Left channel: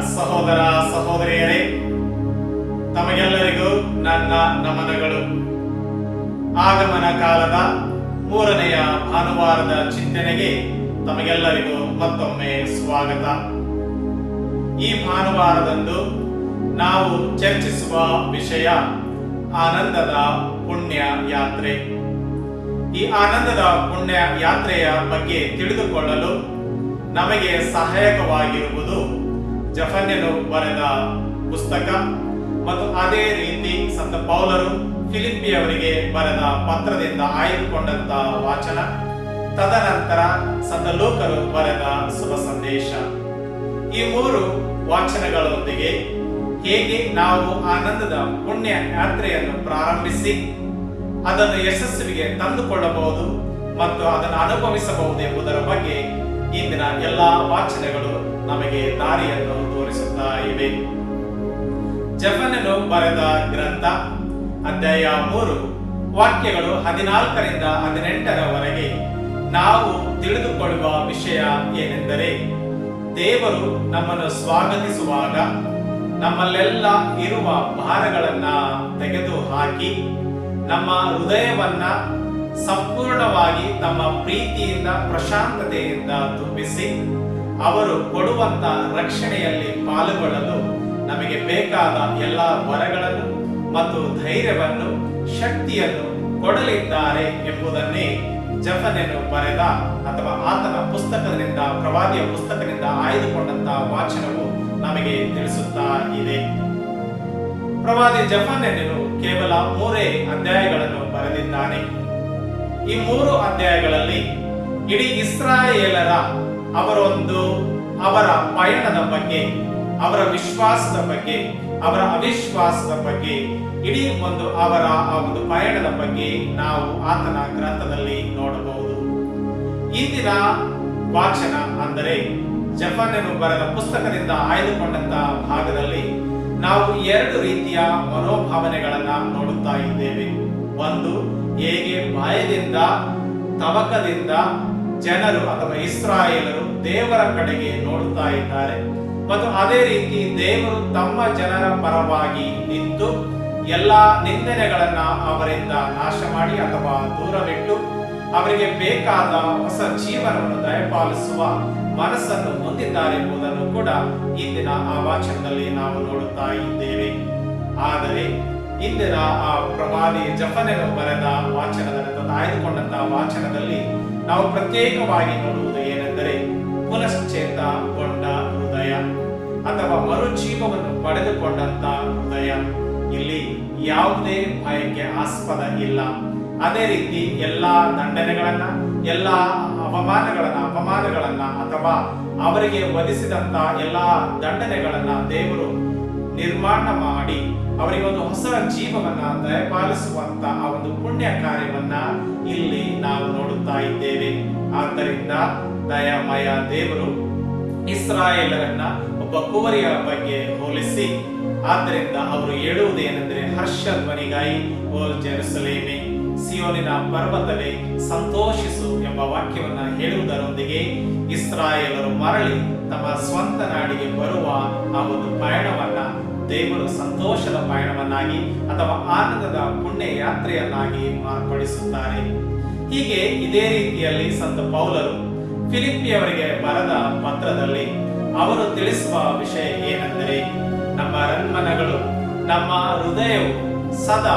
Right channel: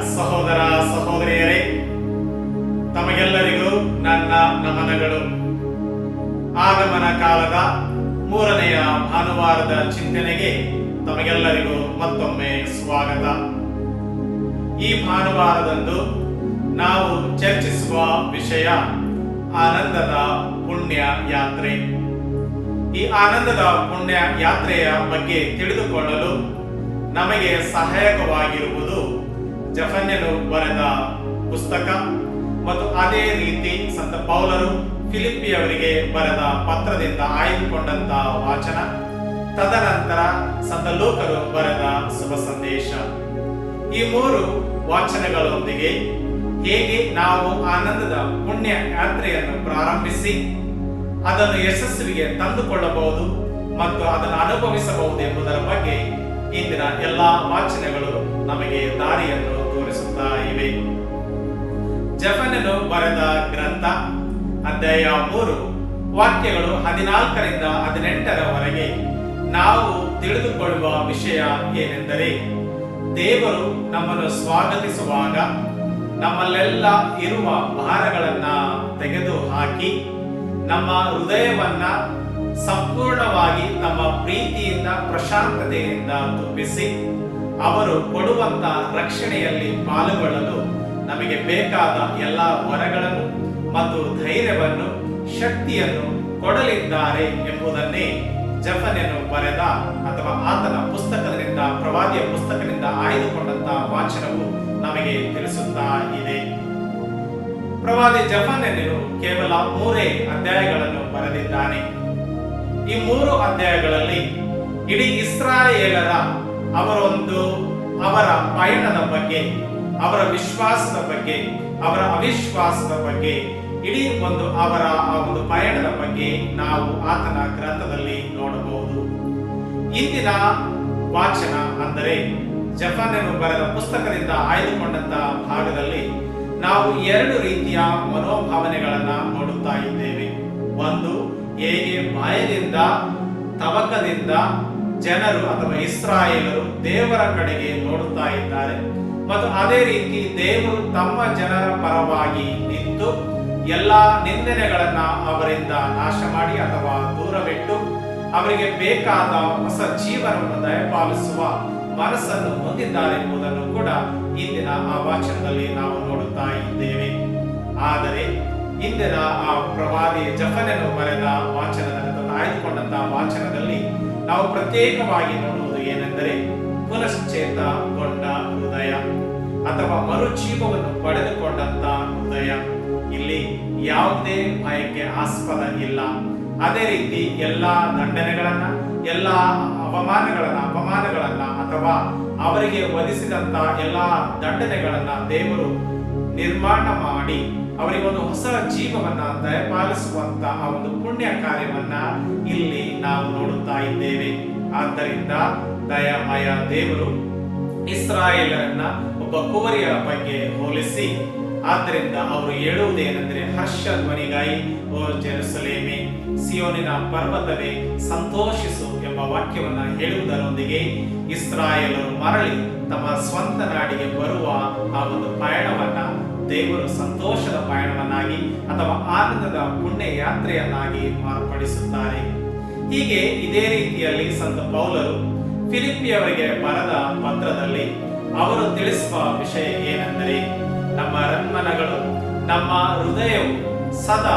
ಸಹೋದರ, ಸಹೋದರಿಯರೇ, ತಮಗೆಲ್ಲರಿಗೂ ನನ್ನ ನಮನಗಳು. ಆಗಮನ ಕಾಲದ ಮೂರನೆಯ ಭಾನುವಾರದ ಚಿಂತನೆಗೆ ತಮಗೆಲ್ಲರಿಗೂ ಮತ್ತೊಮ್ಮೆ ಸ್ವಾಗತ. ಈ ಭಾನುವಾರದಂದು ನಾವು ಚರ್ಚಿಸುವ ವಿಷಯ ಆನಂದದ ಪುಣ್ಯ ಯಾತ್ರೆ. ಈ ಆನಂದದ ಪುಣ್ಯ ಯಾತ್ರೆಯ ಬಗ್ಗೆ ತಿಳಿದುಕೊಳ್ಳಲು ನಮಗೆ ಸಹಾಯಕವಾಗಿರುವುದು ಜಫನ್ಯನು ಬರೆದ ಪುಸ್ತಕ ಮತ್ತು ಅದೇ ರೀತಿ ಸಂತ ಪೌಲರು ಫಿಲಿಪ್ಪಿಯವರಿಗೆ ಬರೆದ ಪತ್ರದಿಂದ ಆಯ್ದುಕೊಂಡಂತ ವಾಚನ. ತದನಂತರ ಸಂತ ಲೋಕರು ಬರೆದ ಶುಭ ಸಂದೇಶ. ಈ ಮೂರು ವಾಚನಗಳೊಂದಿಗೆ ಹೇಗೆ ನಾವು ಆನಂದದ ಪುಣ್ಯ ಯಾತ್ರೆಯನ್ನು ಪ್ರಾರಂಭಿಸಿ, ಅದನ್ನು ಯಶಸ್ವಿಗೆ ತಂದುಕೊಳ್ಳಬಹುದು ಮತ್ತು ಅದನ್ನು ಅನುಭವಿಸಬಹುದು ಎಂಬುದರ ಬಗ್ಗೆ ಇಂದಿನ ಎಲ್ಲ ವಾಚನೆಗಳು ನಮಗೆ ದಾರಿಯನ್ನು ತೋರಿಸುತ್ತಾ ಇವೆ. ಜಫನನು ಬರೆದ ಗ್ರಂಥ, ಅಧ್ಯಾಯ ಮೂರು, ವಾಕ್ಯಗಳು ಹದಿನಾಲ್ಕರಿಂದ ಹದಿನೆಂಟರವರೆಗೆ. ನಾವು ತಿಳಿದುಕೊಳ್ಳುವ ವಿಷಯ ಏನೆಂದರೆ, ದೇವರು ನಮ್ಮನ್ನು ಸ್ವಾಗತಿಸುವಾಗ ನಮ್ಮಲ್ಲೆಲ್ಲ ಇರುವ ಭಾರಗಳನ್ನ ತೆಗೆದು ಹಾಕಿ ನಮ್ಮ ಹೃದಯವನ್ನ ಸಂಪೂರ್ಣವಾಗಿ ತಮ್ಮ ಪ್ರೀತಿಯಿಂದ, ಪ್ರಶಾಂತತೆಯಿಂದ ತುಂಬಿಸಿ, ಅವರು ಕೊಡುವಂತ ರಕ್ಷಣೆಯಲ್ಲಿ ಪಾಲ್ಗೊಳ್ಳಲು ನಮಗೆ ಬೇಕಾದ ಎಲ್ಲ ವರಗಳನ್ನು ಮತ್ತು ಧೈರ್ಯವನ್ನು, ಶಕ್ತಿಯನ್ನು ಕೊಡಲಿದ್ದಾರೆ ಎಂಬುದನ್ನೇ ಜಫನೆನು ಬರೆದ ಅಥವಾ ಆತನ ಪುಸ್ತಕದಿಂದ, ಪ್ರವಾದಿಯ ಪುಸ್ತಕದಿಂದ ಆಯ್ದುಕೊಂಡಂತಹ ವಾಚನವು ನಮಗೆ ತಿಳಿಸುತ್ತಾ ಇದೆ. ಪ್ರವಾದಿ ಜಫನೆನು ಕೇವಲ ಮೂರೇ ಅಧ್ಯಾಯಗಳನ್ನು ಬರೆದಿದ್ದಾನೆ. ಈ ಮೂರು ಅಧ್ಯಾಯಗಳಲ್ಲಿ ಇಡೀ ಇಸ್ರಾಯೇಲರ ಅವರೊಂದು, ಅವರ ಪಯಣದ ಬಗ್ಗೆ, ಅವರ ವಿಶ್ವಾಸದ ಬಗ್ಗೆ, ಅವರ ಅವಿಶ್ವಾಸದ ಬಗ್ಗೆ, ಇಡೀ ಒಂದು ಅವರ ಆ ಒಂದು ಪಯಣದ ಬಗ್ಗೆ ನಾವು ಆತನ ಗ್ರಂಥದಲ್ಲಿ ನೋಡಬಹುದು. ಇಂದಿನ ವಾಚನ ಅಂದರೆ ಜಪಾನನು ಬರೆದ ಪುಸ್ತಕದಿಂದ ಆಯ್ದುಕೊಂಡಂತ ಭಾಗದಲ್ಲಿ ನಾವು ಎರಡು ರೀತಿಯ ಮನೋಭಾವನೆಗಳನ್ನ ನೋಡುತ್ತಾ ಇದ್ದೇವೆ. ಒಂದು ಹೇಗೆ ಭಯದಿಂದ ತವಕದಿಂದ ಜನರು ಅಥವಾ ಇಸ್ರಾಯೇಲರು ದೇವರ ಕಡೆಗೆ ನೋಡುತ್ತಾ ಇದ್ದಾರೆ. ಮತ್ತು ಅದೇ ರೀತಿ ದೇವರು ತಮ್ಮ ಜನರ ಪರವಾಗಿ ನಿಂತು ಎಲ್ಲಾ ನಿಂದನೆಗಳನ್ನ ಅವರಿಂದ ನಾಶ ಮಾಡಿ ಅಥವಾ ದೂರವಿಟ್ಟು ಅವರಿಗೆ ಬೇಕಾದ ಹೊಸ ಜೀವನವನ್ನು ದಯಪಾಲಿಸುವ ಮನಸ್ಸನ್ನು ಹೊಂದಿದ್ದಾರೆ ಎಂಬುದನ್ನು ಕೂಡ ಇಂದಿನ ಆ ವಾಚನದಲ್ಲಿ ನಾವು ನೋಡುತ್ತಾ ಇದ್ದೇವೆ. ಆದರೆ ಇಂದಿನ ಆ ಪ್ರವಾದಿ ಜಫನನು ಬರೆದ ಅಥವಾ ಆಯ್ದುಕೊಂಡಂತಹ ವಾಚನದಲ್ಲಿ ನಾವು ಪ್ರತ್ಯೇಕವಾಗಿ ನೋಡುವುದು ಏನೆಂದರೆ ಪುನಶ್ಚೇತಗೊಂಡ ಹೃದಯ ಅಥವಾ ಮರುಜೀವವನ್ನು ಪಡೆದುಕೊಂಡಂತ ಹೃದಯ. ಇಲ್ಲಿ ಯಾವುದೇ ಭಯಕ್ಕೆ ಆಸ್ಪದ ಇಲ್ಲ. ಅದೇ ರೀತಿ ಎಲ್ಲಾ ದಂಡನೆಗಳನ್ನ, ಎಲ್ಲಾ ಅವಮಾನಗಳನ್ನ, ಅಪಮಾನಗಳನ್ನ ಅಥವಾ ಅವರಿಗೆ ವಧಿಸಿದಂತ ಎಲ್ಲಾ ದಂಡನೆಗಳನ್ನ ದೇವರು ನಿರ್ಮಾಣ ಮಾಡಿ ಅವರಿಗೆ ಒಂದು ಹೊಸ ಜೀವವನ್ನ ದಯಪಾಲಿಸುವಂತ ಆ ಒಂದು ಪುಣ್ಯ ಕಾರ್ಯವನ್ನ ಇಲ್ಲಿ ನಾವು ನೋಡುತ್ತಾ ಇದ್ದೇವೆ. ಆದ್ದರಿಂದ ದಯಾಮಯ ದೇವರು ಇಸ್ರಾಯೇಲರನ್ನ ಒಬ್ಬ ಕೋರಿಯ ಬಗ್ಗೆ ಹೋಲಿಸಿ, ಆದ್ದರಿಂದ ಅವರು ಹೇಳುವುದೇನೆಂದರೆ ಹರ್ಷ ಧ್ವನಿಗಾಯಿ ಓ ಜೆರುಸಲೇಮೆ, ಸಿಯೋನಿನ ಪರ್ವತವೇ, ಸಂತೋಷಿಸು ಎಂಬ ವಾಕ್ಯವನ್ನ ಹೇಳುವುದರೊಂದಿಗೆ ಇಸ್ರಾಯೇಲರು ಮರಳಿ ತಮ್ಮ ಸ್ವಂತ ನಾಡಿಗೆ ಬರುವ ಆ ಒಂದು ಪಯಣವನ್ನ ದೇವರು ಸಂತೋಷದ ಪಯಣವನ್ನಾಗಿ ಅಥವಾ ಆನಂದದ ಪುಣ್ಯ ಯಾತ್ರೆಯನ್ನಾಗಿ ಮಾರ್ಪಡಿಸುತ್ತಾರೆ. ಹೀಗೆ ಇದೇ ರೀತಿಯಲ್ಲಿ ಸಂತ ಪೌಲರು ಫಿಲಿಪಿಯವರಿಗೆ ಬರೆದ ಪತ್ರದಲ್ಲಿ ಅವರು ತಿಳಿಸುವ ವಿಷಯ ಏನೆಂದರೆ, ನಮ್ಮ ರನ್ಮನಗಳು ನಮ್ಮ ಹೃದಯವು ಸದಾ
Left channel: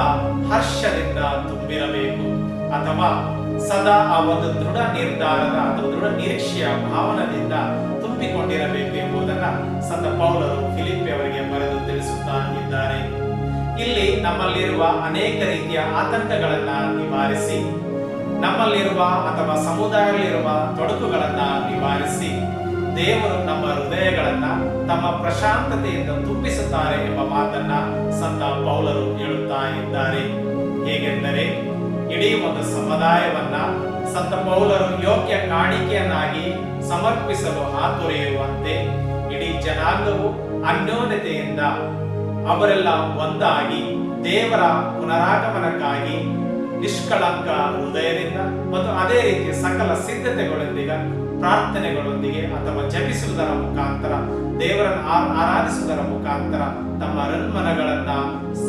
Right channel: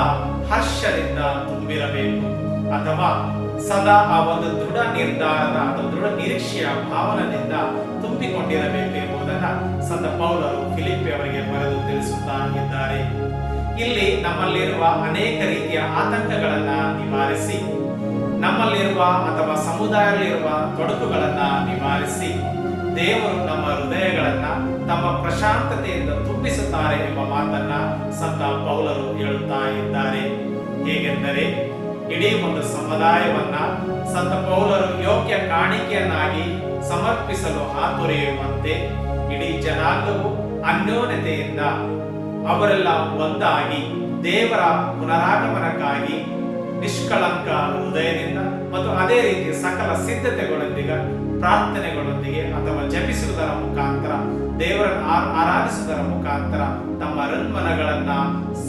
ಹರ್ಷದಿಂದ ತುಂಬಿರಬೇಕು ಅಥವಾ ಸದಾ ಆ ಒಂದು ದೃಢ ನಿರ್ಧಾರದ ಅಥವಾ ದೃಢ ನಿರೀಕ್ಷೆಯ ಭಾವನದಿಂದ ತುಂಬಿಕೊಂಡಿರಬೇಕು ಎಂಬುದನ್ನ ಸಂತ ಪೌಲರು ಫಿಲಿಪಿ ಅವರಿಗೆ ಬರೆದು ತಿಳಿಸುತ್ತಾ ಇದ್ದಾರೆ. ಇಲ್ಲಿ ನಮ್ಮಲ್ಲಿರುವ ಅನೇಕ ರೀತಿಯ ಆತಂಕಗಳನ್ನ ನಿವಾರಿಸಿ, ನಮ್ಮಲ್ಲಿರುವ ಅಥವಾ ಸಮುದಾಯದಲ್ಲಿರುವ ತೊಡಕುಗಳನ್ನ ನಿವಾರಿಸಿ, ದೇವರು ನಮ್ಮ ಹೃದಯಗಳನ್ನ ತಮ್ಮ ಪ್ರಶಾಂತತೆಯಿಂದ ತುಂಬಿಸುತ್ತಾರೆ ಎಂಬ ಮಾತನ್ನ ಸಂತ ಪೌಲರು ಹೇಳುತ್ತಾ ಇದ್ದಾರೆ. ಹೇಗೆಂದರೆ ಇಡೀ ಒಂದು ಸಮುದಾಯವನ್ನ ಸಂತ ಪೌಲರು ಯೋಗ್ಯ ಕಾಣಿಕೆಯನ್ನಾಗಿ ಸಮರ್ಪಿಸಲು ಹಾತೊರೆಯುವಂತೆ ಇಡೀ ಜನಾಂಗವು ಅನ್ಯೋನ್ಯತೆಯಿಂದ ಅವರೆಲ್ಲ ಒಂದಾಗಿ ದೇವರ ಪುನರಾಗಮನಕ್ಕಾಗಿ ನಿಷ್ಕಳಂಕ ಹೃದಯದಿಂದ ಮತ್ತು ಅದೇ ರೀತಿ ಸಕಲ ಸಿದ್ಧತೆಗಳೊಂದಿಗೆ ಪ್ರಾರ್ಥನೆಗಳೊಂದಿಗೆ ಅಥವಾ ಜಪಿಸುವುದರ ಮುಖಾಂತರ, ದೇವರನ್ನು ಆರಾಧಿಸುವುದರ ಮುಖಾಂತರ ತಮ್ಮ ರನ್ಮನಗಳನ್ನ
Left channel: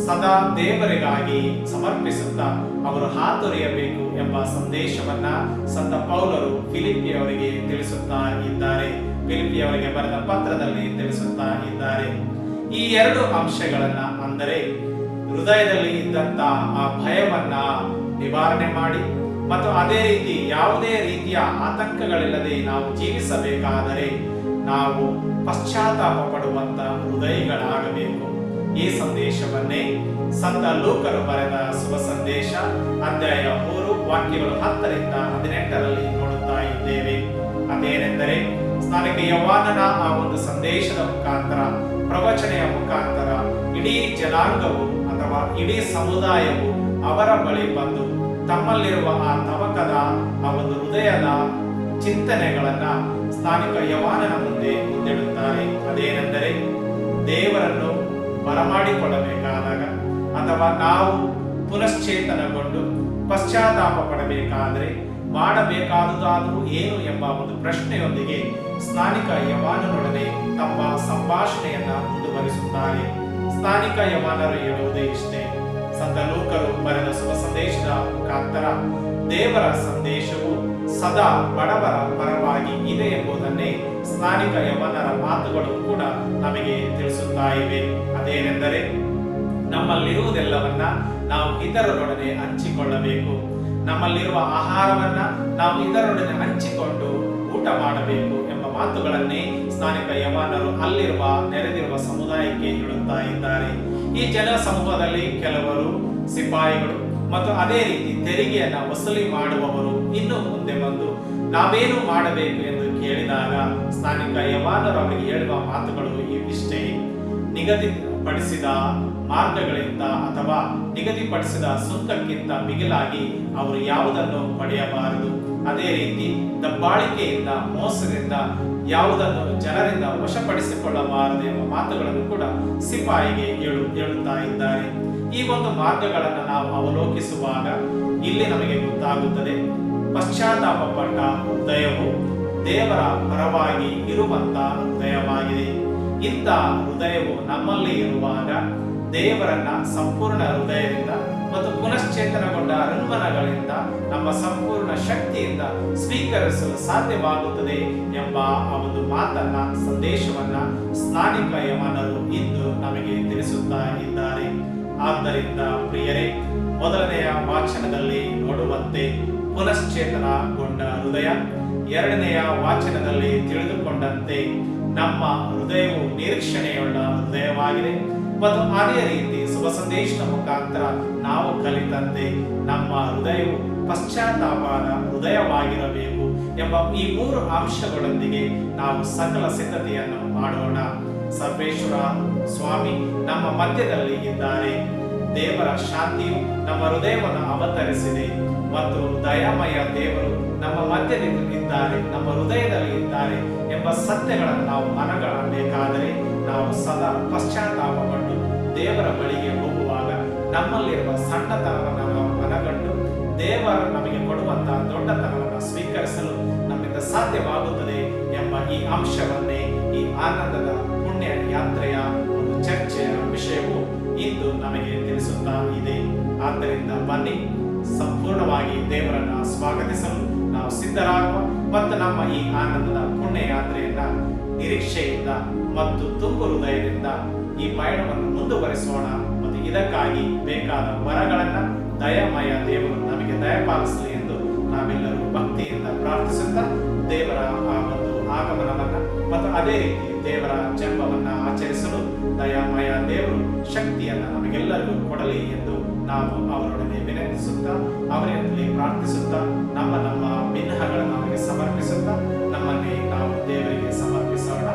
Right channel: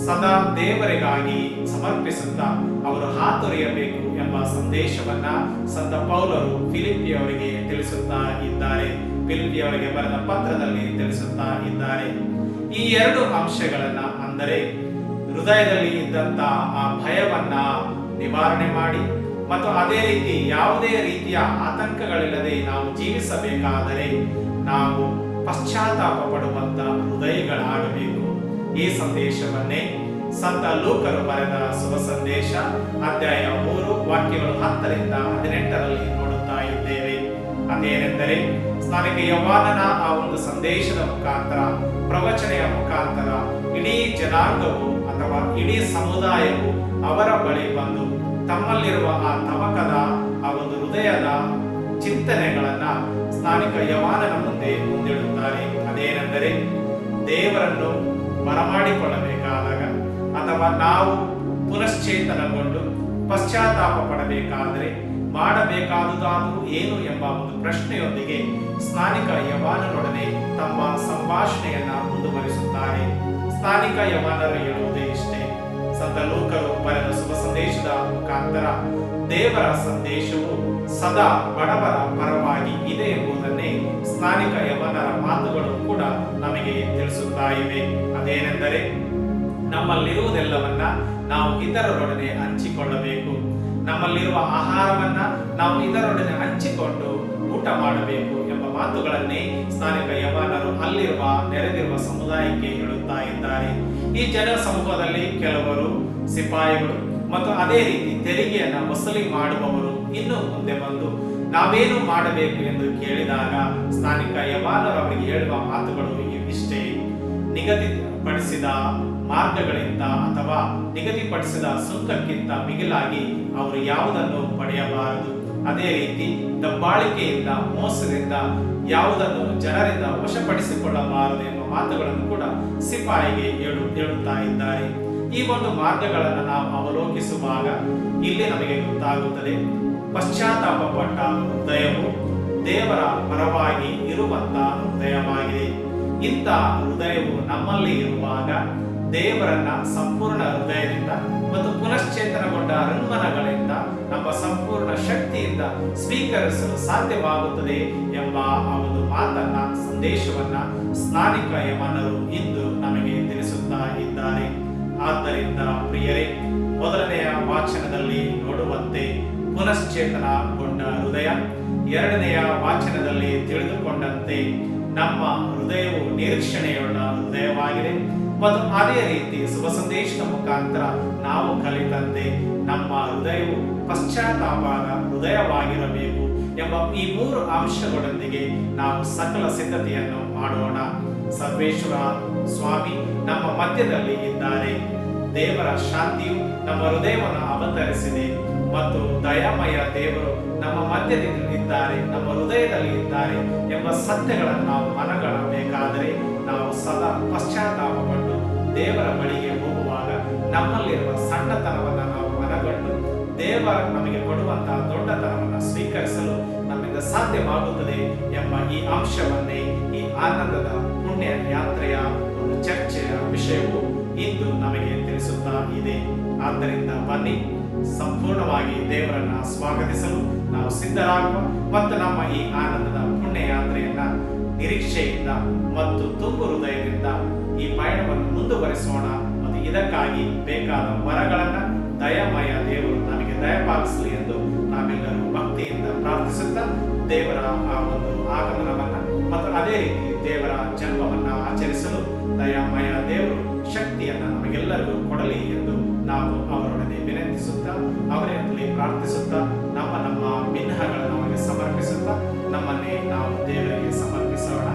ಸದಾ ದೇವರಿಗಾಗಿ ಸಮರ್ಪಿಸುತ್ತಾ ಅವರು ಹಾತೊರೆಯಬೇಕು ಎಂಬ ಸಂದೇಶವನ್ನ ಸಂತ ಪೌಲರು ಫಿಲಿಪಿಯವರಿಗೆ ತಿಳಿಸುತ್ತಾ ಇದ್ದಾರೆ. ಫಿಲಿಪಿಯವರಿಗೆ ಬರೆದ ಪತ್ರದಲ್ಲಿ ತಿಳಿಸುತ್ತಾ ಇದ್ದಾರೆ. ಈ ಎರಡು ಅಂಶಗಳನ್ನ ಅಂದರೆ ಹೃದಯದಲ್ಲಿ ಇದ್ದಂತ ಆ ಭಯವನ್ನ ನಿವಾರಣೆ ಮಾಡಿ ಮತ್ತು ಅದೇ ರೀತಿ ಯಾವುದೇ ರೀತಿಯ ಆತಂಕಗಳಿಲ್ಲದೆ ನಾವು ಜೀವಿಸಬೇಕಾದರೆ ನಾವು ಪಶ್ಚಾತ್ತಾಪ ಪಡುವಂತ ಹೃದಯಗಳಾಗಬೇಕು. ಈ ಸಂದೇಶವನ್ನೇ ಸಂತ ಲೋಕರು ಬರೆದ ಶುಭ ಸಂದೇಶ, ಅಧ್ಯಾಯ ಮೂರು, ವಾಕ್ಯಗಳು ಹತ್ತರಿಂದ ಹದಿನೆಂಟರಲ್ಲಿ ನೋಡುತ್ತಾ ಇದ್ದೇವೆ. ಅದೇನೆಂದರೆ ಸ್ನಾನಿಕ ಯವಾನನ ಆ ಒಂದು ಸಂದೇಶದ ಮುಖಾಂತರ, ಪ್ರವಚನೆಯ ಮುಖಾಂತರ, ಇಡೀ ಜನಾಂಗವು ಅಥವಾ ಇಡೀ ಸಮುದಾಯವು ಅವರ ಬಳಿ ಬಂದು ತಮ್ಮಲ್ಲಿರುವ ಆ ತವಕದ, ಆ ಒಂದು ಹೃದಯದ ಚಿಂತನೆಗಳನ್ನ ಸ್ಥಾನಿಕ ಯವಾನನ ಮುಂದೆ ಮುಂದಿಡುತ್ತಾರೆ. ಅದೇನೆಂದರೆ ದೇವರನ್ನು ಬರಮಾಡಿಕೊಳ್ಳಬೇಕಾದಾಗ ಅಥವಾ ನಾವು ಪುನಶ್ಚೇತನಗೊಂಡು ಪಶ್ಚಾತ್ತಾಪ ಪಡಬೇಕಾದರೆ ಮಾಡಬೇಕಾದುದಾದರೂ ಏನು ಎಂಬ ಒಂದು ಪ್ರಶ್ನೆಯೊಂದಿಗೆ ಸ್ನಾನಿಕ ಯವಾನನೊಡನೆ ತಮ್ಮ ಸಂಭಾಷಣೆಯನ್ನ ಮುಂದುವರಿಸುತ್ತಾರೆ. ಸ್ನಾನಿಕ ಯವಾನರು ಹೇಳುವುದೇ ಇಷ್ಟೇ. ಸಂತ ಲೂಕರು ಬರೆದ ಶುಭ ಸಂದೇಶದ ಮುಖಾಂತರ ದೇವರ ಸಂದೇಶವು ಸದಾ ಬಡವರ ಪರವಾಗಿ ಇದೆ ಎಂಬುದನ್ನೇ ಸ್ಥಾನಿಕ ಯವನರ ಮಾತುಗಳು ಕೂಡ ನಮಗೆ ತಿಳಿಸುತ್ತಾ ಇವೆ. ಅದೇನೆಂದರೆ ನಮ್ಮಲ್ಲಿರುವುದೆಲ್ಲವನ್ನ ನಾವು ಇತರರೊಡನೆ ಹಂಚಿಕೊಳ್ಳಬೇಕು. ನಮ್ಮಲ್ಲಿರುವ ಆಹಾರವನ್ನ ನಾವು ಇತರರೊಡನೆ ಹಂಚಿಕೊಂಡು ಊಟ ಮಾಡಬೇಕು ಎಂಬ ಮಾತುಗಳನ್ನೇ ಸ್ನಾನಿಕ ಯವಾನರು ಅಲ್ಲಿರುವ ನೆರೆದಿರುವ ಸಮುದಾಯಕ್ಕೆ ಹೇಳುತ್ತಾ ಇದ್ದಾರೆ. ಈ ಜನ ಸಮೂಹದಲ್ಲಿ ಕೆಲವರು ಸಿಪಾಯಿಗಳು ಮತ್ತು ಅದೇ ರೀತಿ ತೆರಿಗೆಯನ್ನ ವಸೂಲಿ ಮಾಡುವವರು ಇನ್ನು ಮುಂದೆ ಬಂದು ನಾವೇನು ಮಾಡಬೇಕು ಎಂದು ಕೇಳಿದಾಗ ಸ್ಥಾನಿಕ ಯವಾನರು ಅವರಿಗೆ ಹೇಳುವ ಮಾತುಗಳು ಇವಿಷ್ಟೇ. ನಿಗದಿಪಡಿಸಿದ ಮಾರ್ಗಗಳಿಂದ ಅಥವಾ ನಿಗದಿಪಡಿಸಿದ ಸುಂಕಕ್ಕಿಂತ ಮಿಗಿಲಾಗಿ ಅವರು ಯಾವುದನ್ನು ಪಡೆಯಬಾರದು. ಅದೇ ರೀತಿ ದಬ್ಬಾಳಿಕೆಯಿಂದ, ಮೋಸದಿಂದ ಯಾವುದನ್ನು ಜನರಿಂದ ವಶಪಡಿಸಿಕೊಳ್ಳಬಾರದು ಎಂಬ ಮಾತುಗಳನ್ನು ಕೂಡ ಸಿಪಾಯಿಗೆ ಹೇಳು, ಹೇಳುತ್ತಾ ಇದ್ದಾರೆ. ಈ ಒಂದು ಮಾರ್ಗಗಳನ್ನು ನಾವು ಅವಲೋಕಿಸುವಾಗ ಇಲ್ಲಿ ನಮಗೆ ಗೊತ್ತಾಗುತ್ತದೆ. ಪಶ್ಚಾತ್ತಾಪ ಪಟ್ಟ ಹೃದಯವು ದೇವರ ಪರವಾಗಿ ಇರುವಂತ ಹೃದಯವಾಗಿದೆ. ಇಂಥ ಹೃದಯವು ನಮ್ಮಲ್ಲಿ ಇರುವಾಗ ದೇವರನ್ನ ಸಂಪೂರ್ಣ ಹೃದಯದಿಂದ ಮತ್ತು ಪುನಶ್ಚೇತನಗೊಂಡ ಅರಣ್ಮನಗಳಿಂದ ನಮ್ಮ ಸಂಪೂರ್ಣ ಶಕ್ತಿಯಿಂದ ಸ್ವೀಕರಿಸಲು ಸಾಧ್ಯವಾಗುತ್ತದೆ ಎಂಬ ಆ ಒಂದು ಮಾತನ್ನ, ಸಂದೇಶವನ್ನ ಸ್ನಾನಿಕ ಯಮನರು ಇಂದು ನಮಗೆ ತಿಳಿಸುತ್ತಾ ಇದ್ದಾರೆ. ಆದ್ದರಿಂದ ಪ್ರಿಯರೇ, ಮೊದಲನೆಯ ವಾಚನದಲ್ಲಿ ನೋಡುವಂತೆ ಪುನಶ್ಚೇತನಗೊಂಡ ಹೃದಯ, ಎರಡನೆಯ ವಾಚನದಲ್ಲಿ ತಿಳಿದುಕೊಂಡಂತೆ ನಮ್ಮ ಹೃದಯವು ನಿರೀಕ್ಷಣೆಯುಳ್ಳ ಹೃದಯವಾಗಿದೆ ಮತ್ತು ಅದೇ ರೀತಿ ಶುಭ ಸಂದೇಶದ ಮುಖಾಂತರ ನಾವು ಕಲಿತಂತೆ ನಮ್ಮ ಹೃದಯವು ಪಶ್ಚಾತ್ತಾಪದ ಹೃದಯವಾಗಿರಬೇಕು ಎಂಬ ಈ ಮೂರು ಅಂಶಗಳೊಂದಿಗೆ ನಾವು ಸಕಲ ಸಿದ್ಧತೆಯನ್ನು ಮಾಡೋಣ. ಸರ್ವೇಶ್ವರ ಸ್ವಾಮಿ ನಮ್ಮ ಮಧ್ಯದಲ್ಲಿ ಇದ್ದಾರೆ. ದೇವರ ಶಾಂತಿಯು ನಮ್ಮ ಹೃದಯವನ್ನು ಅವತರಿಸಿದೆ. ಮತ್ತು ದಯಾಮಯ ದೇವರು ನಮ್ಮ ಮಧ್ಯದಲ್ಲಿ ಇದ್ದಾರೆ, ನಮ್ಮ ಹೃದಯದಲ್ಲಿ ಇದ್ದಾರೆ ಎಂಬ ಸತ್ಯಗಳನ್ನು ನಾವು ಮನಗಳಬೇಕಾದರೆ ನಾವು ಸದಾ ಪಶ್ಚಾತ್ತಾಪಪಟ್ಟು ದೇವರ ಬಳಿಗೆ ಹೋಗುವಾಗ ನಮ್ಮಲ್ಲಿರುವ ಸಣ್ಣತನವನ್ನು ನಾವು ಮನಗಂಡು ದೇವರ ನಮಗೆ ಕೊಡುವಂತಹ ದೊಡ್ಡತನವನ್ನು ಸ್ವೀಕರಿಸಲು ನಮ್ಮಿಂದ ಸಾಧ್ಯವಾಗುತ್ತದೆ ಎಂಬ ಈ ಅಂಶವನ್ನೇ ಈ ಆನಂದದ ಪುಣ್ಯ ಯಾತ್ರೆಯ ಒಂದು ಚರ್ಚೆಯ ವಿಷಯವು ಇಂದು ನಮಗೆ ತಿಳಿಸುತ್ತಾ ಇದೆ. ಆದ್ದರಿಂದ ಬನ್ನಿ. ಸಂಪೂರ್ಣವಾಗಿ ದೇವರನ್ನ ಸ್ವಾಗತಿಸಲು ನಾವು ಸಿದ್ಧರಾಗುವ ಮತ್ತು ನಮ್ಮ ಈ ಆನಂದದ ಪುಣ್ಯಯಾತ್ರೆಯನ್ನ ನಿರೀಕ್ಷೆಯಿಂದ ಮತ್ತು ತುಂಬು ಹೃದಯದಿಂದ ಈ ಪಯಣವನ್ನು ಮುಂದುವರಿಸೋಣ ಮತ್ತು ಇದಕ್ಕಾಗಿ ಬೇಕಾದ ವರಗಳನ್ನ ದಯಮಯ ದೇವರು ನಮಗೆ ದಯಪಾಲಿಸಲಿ ಎಂದು ನಾವೆಲ್ಲರೂ ಭಕ್ತಿಯಿಂದ ಪ್ರಾರ್ಥಿಸುತ್ತಾ ದೇವರ ಆ ಒಂದು ಆಗಮನವನ್ನ ಮತ್ತು ಅದೇ ರೀತಿ ದೇವರ ಜನ್ಮವನ್ನ ಆಚರಿಸಲು ದಯಾಮಯ ದೇವರು ಶಕ್ತಿಯನ್ನ ನಮಗೆಲ್ಲರಿಗೂ ಕೊಡಲಿ ಎಂದು ನಾವು ಅವರೊಡನೆ ವಿನಂತಿಸುತ್ತಾ ಅವರಲ್ಲಿ ಪ್ರಾರ್ಥಿಸುತ್ತಾ ನಮ್ಮ ನಮ್ಮ ಭಿನ್ನಗಳನ್ನು ಅವರಿಗೆ ಸಮರ್ಪಿಸುತ್ತಾ ನಮ್ಮನ್ನೇ ನಾವು ದೇವರಿಗೆ ಸಮರ್ಪಿಸೋಣ.